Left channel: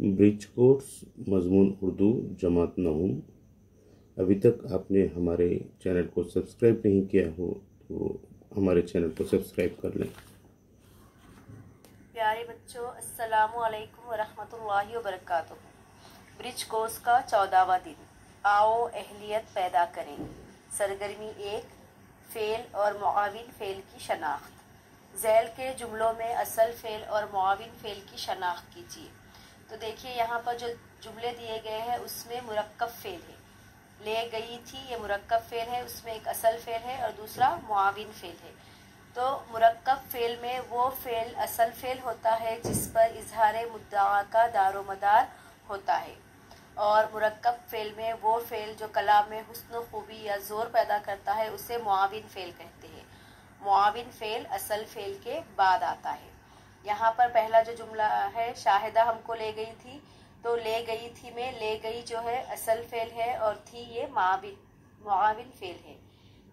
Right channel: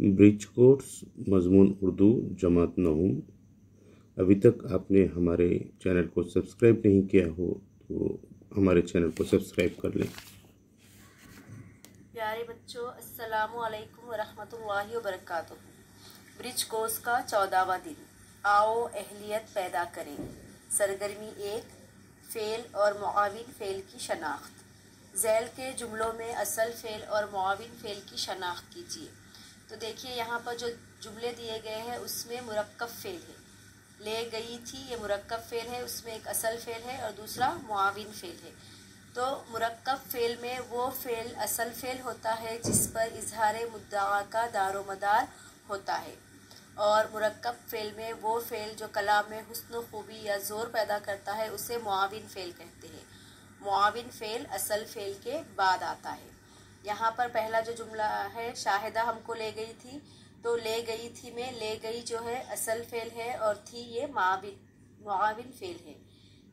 Bridge course मज़मून Urdu जमात नहुम। अभी तक आपने हमारे चैनल को सब्सक्राइब नहीं किया हो तो हमारे चैनल को सब्सक्राइब कर लें। प्यारे बच्चों, अस्सलामु अलैकुम वरहमतुल्लाहि वबरकातुहू। ब्रिज कोर्स का 14वां दिन। आओ अहलियत पैदा करें। सरगर्मी 1, फ़ेल और मुआविन फ़ेल की शनाख्त। ज़ैल के जुमलों में असल फ़ेल और मुआविन फ़ेल की शनाख्त कीजिए। तो देखिए यहाँ पर जो जुमले दिए गए हैं उसमें मुरक्कब फ़ेल है। ले गई थी, ये मुरक्कब फ़ेल है, उसमें एक असल फ़ेल है और दूसरा मुआविन फ़ेल है। तो मुरक्कब फ़ेल में वो फ़ेल असल फ़ेल होता है जिस पर इजहार मुद्दा का दारोमदार होता है, और मुरक्कब फ़ेल में वो फ़ेल जो कलाम में हुस्न खूबी या ज़ोर पैदा करता है उसे मुआविन फ़ेल कहते हैं। मुआविन फ़ेल असल फ़ेल के बाद आता है। यहाँ पर पहला जो जुमला है, शाहिदा हमको ले गई थी, तो ले गई थी में ले गई जो है असल फ़ेल है और थी ये मुआविन फ़ेल है।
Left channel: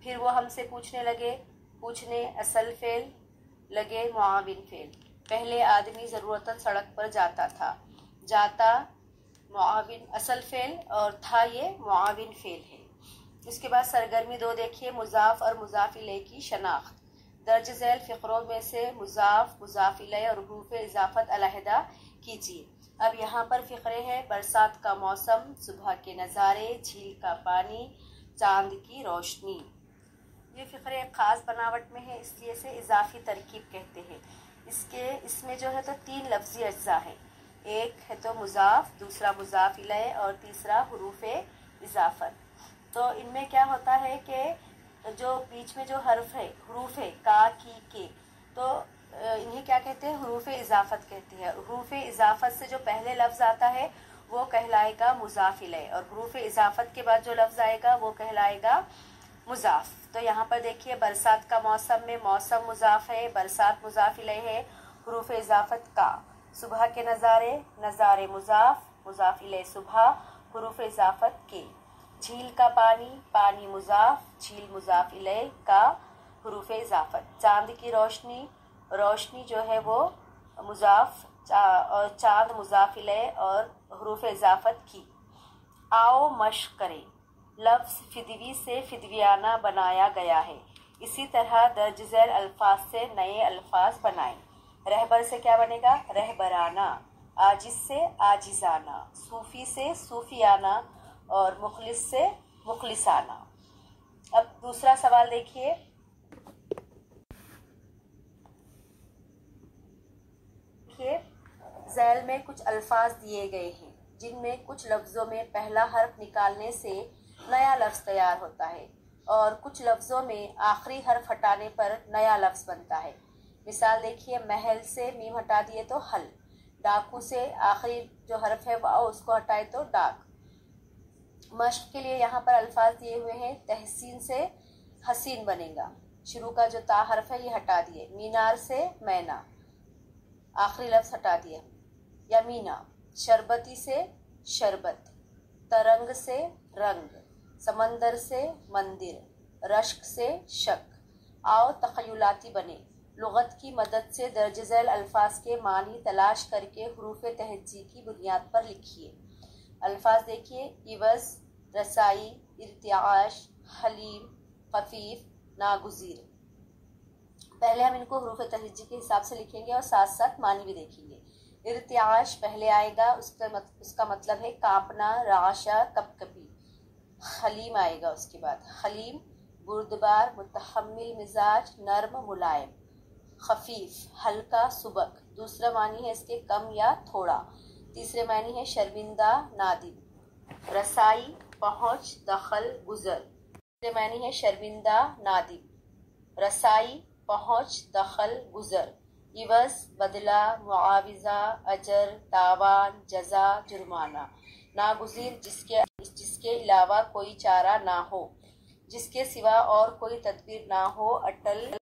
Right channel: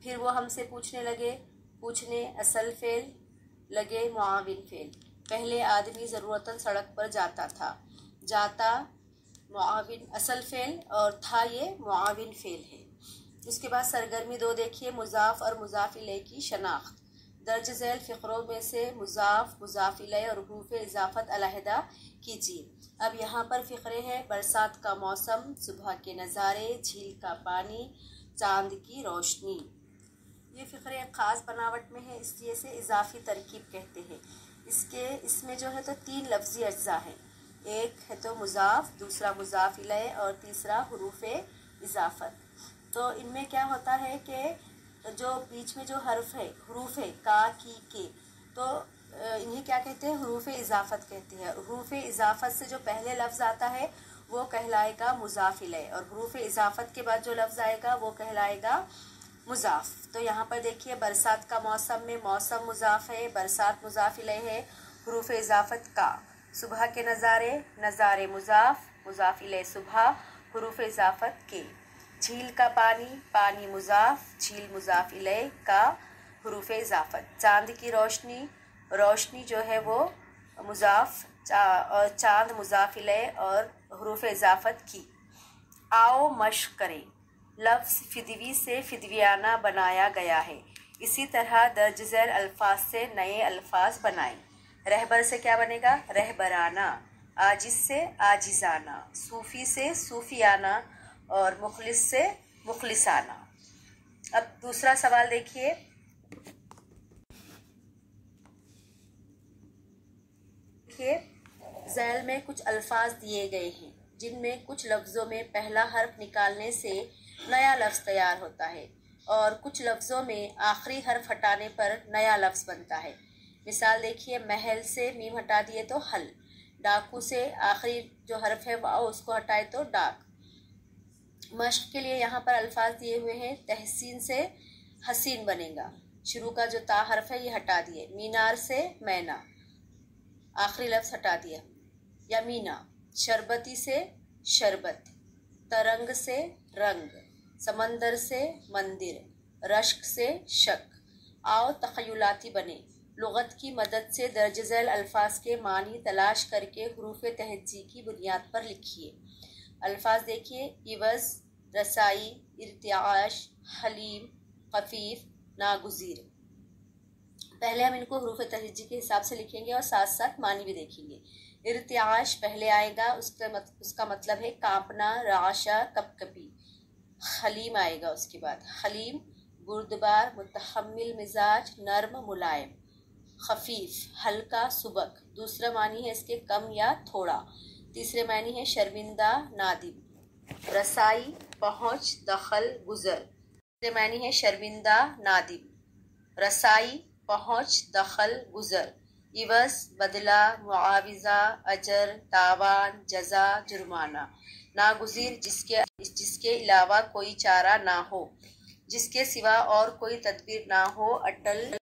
फिर वो हमसे पूछने लगे, पूछने असल फ़ेल, लगे मुआविन फ़ेल। पहले आदमी ज़रूरतन सड़क पर जाता था, जाता मुआविन असल फ़ेल और था ये मुआविन फ़ेल है। इसके बाद सरगर्मी 2 देखिए, मुज़ाफ़ और मुज़ाफ़ इलैह की शनाख्त। दर्ज झैल फ़िक्रों में से मुज़ाफ़, मुज़ाफ़ इलैह और हुरूफ़ इज़ाफ़त अलहदा कीजिए। अब यहाँ पर फ़िक्रे हैं, बरसात का मौसम, सुबह के नज़ारे, झील का पानी, चांद की रोशनी। ये फ़िक्रे एक ख़ास बनावट में है, इसलिए से इजाफ़ी तरकीब कहते हैं। इसमें जो है तो 3 लफ्ज़ी अज्जा हैं। एक है तो मुज़ाफ़, दूसरा मुज़ाफ़ इलैह और तीसरा हुरूफ़ इज़ाफ़त। तो इनमें क्या होता है कि जो बीच में जो हर्फ है, हुरूफ है, का, की, के, तो इन्हें क्या कहते हैं, हुरूफ इज़ाफ़त कहते हैं। हुरूफ इज़ाफ़त से जो पहले लफ्ज़ आता है वो कहलाएगा मुज़ाफ़ इलैह, और हुरूफ इज़ाफ़त के बाद जो लफ्ज़ आएगा वो कहलाएगा मुज़ाफ़। तो यहाँ पर देखिए, बरसात का मौसम में मौसम मुज़ाफ़ है, बरसात मुज़ाफ़ इलैह है, हुरूफ इज़ाफ़त का। सुबह के नज़ारे, नज़ारे मुज़ाफ़, मुज़ाफ़ इलैह सुबह, हुरूफ इज़ाफ़त के। झील का पानी, पानी मुज़ाफ़, झील मुज़ाफ़ इलैह का, हुरूफ इज़ाफ़त। चांद की रोशनी, रोशनी जो है वो मुज़ाफ़, और चांद मुज़ाफ़ इलैह और हुरूफ इज़ाफ़त की। आओ मश्क करें। लफ्ज़ फिदवी से फिदवियाना बनाया गया है। इसी तरह दर्ज झैल अल्फाज से नए अल्फाज बनाएं। रहबर से क्या बनेगा, रहबराना। आजिज़ से आजिज़ाना, सूफ़ी से सूफ़ियाना और मुखलिस से मुखलिसाना। अब दूसरा सवाल देखिए, झैल में कुछ अल्फाज दिए गए हैं जिनमें कुछ लफ्ज़ों में पहला हर्फ निकालने से नया लफ्ज़ तैयार होता है और कुछ लफ्ज़ों में आखिरी हर्फ हटाने पर नया लफ्ज़ बनता है। मिसाल देखिए, महल से मीम हटा दिए तो हल, डाकू से आखिरी जो हर्फ है वाओ उसको हटाए तो डाक। मश्क के लिए यहाँ पर अल्फाज दिए हुए हैं, तहसीन से हसीन बनेगा, शुरू का जो ता हर्फ है ये हटा दिए। मीनार से मैना, आखिरी लफ्ज़ हटा दिया। यमीना, शरबती से शरबत, तरंग से रंग, समंदर से मंदिर, रश्क से शक। आओ तख़य्युलाती बने। लुग़त की मदद से दर्ज झैल अल्फाज के मानी तलाश करके हुरूफ तहज्जी की बुनियाद पर लिखिए। अल्फाज देखिए, इवज़, रसाई, इर्तिआश, हलीम, खफीफ, नागुज़ीर। पहले हम इनको हुरूफ तहज्जी के हिसाब से लिखेंगे और साथ साथ मानी भी देखेंगे। इर्तिआश पहले आएगा, उसका मतलब है कांपना, राशा, कपकपी। हलीम आएगा उसके बाद, हलीम बुर्दबार, मुतहम्मिल मिजाज, नर्म, मुलायम। खफीफ हल्का, सुबक। दूसरा मानी है इसके कम या थोड़ा। तीसरे मानी है शर्मिंदा, नादिम। रसाई पहुँच, दखल, गुजर। तीसरे मानी है शर्मिंदा, नादिम। रसाई पहुँच, दखल, गुजर। इवज़ बदला, मुआविज़ा, अजर, तावान, जज़ा, जुर्माना। नागुज़ीर जिसके अलावा कोई चारा ना हो, जिसके सिवा और कोई तदबीर ना हो, अटल।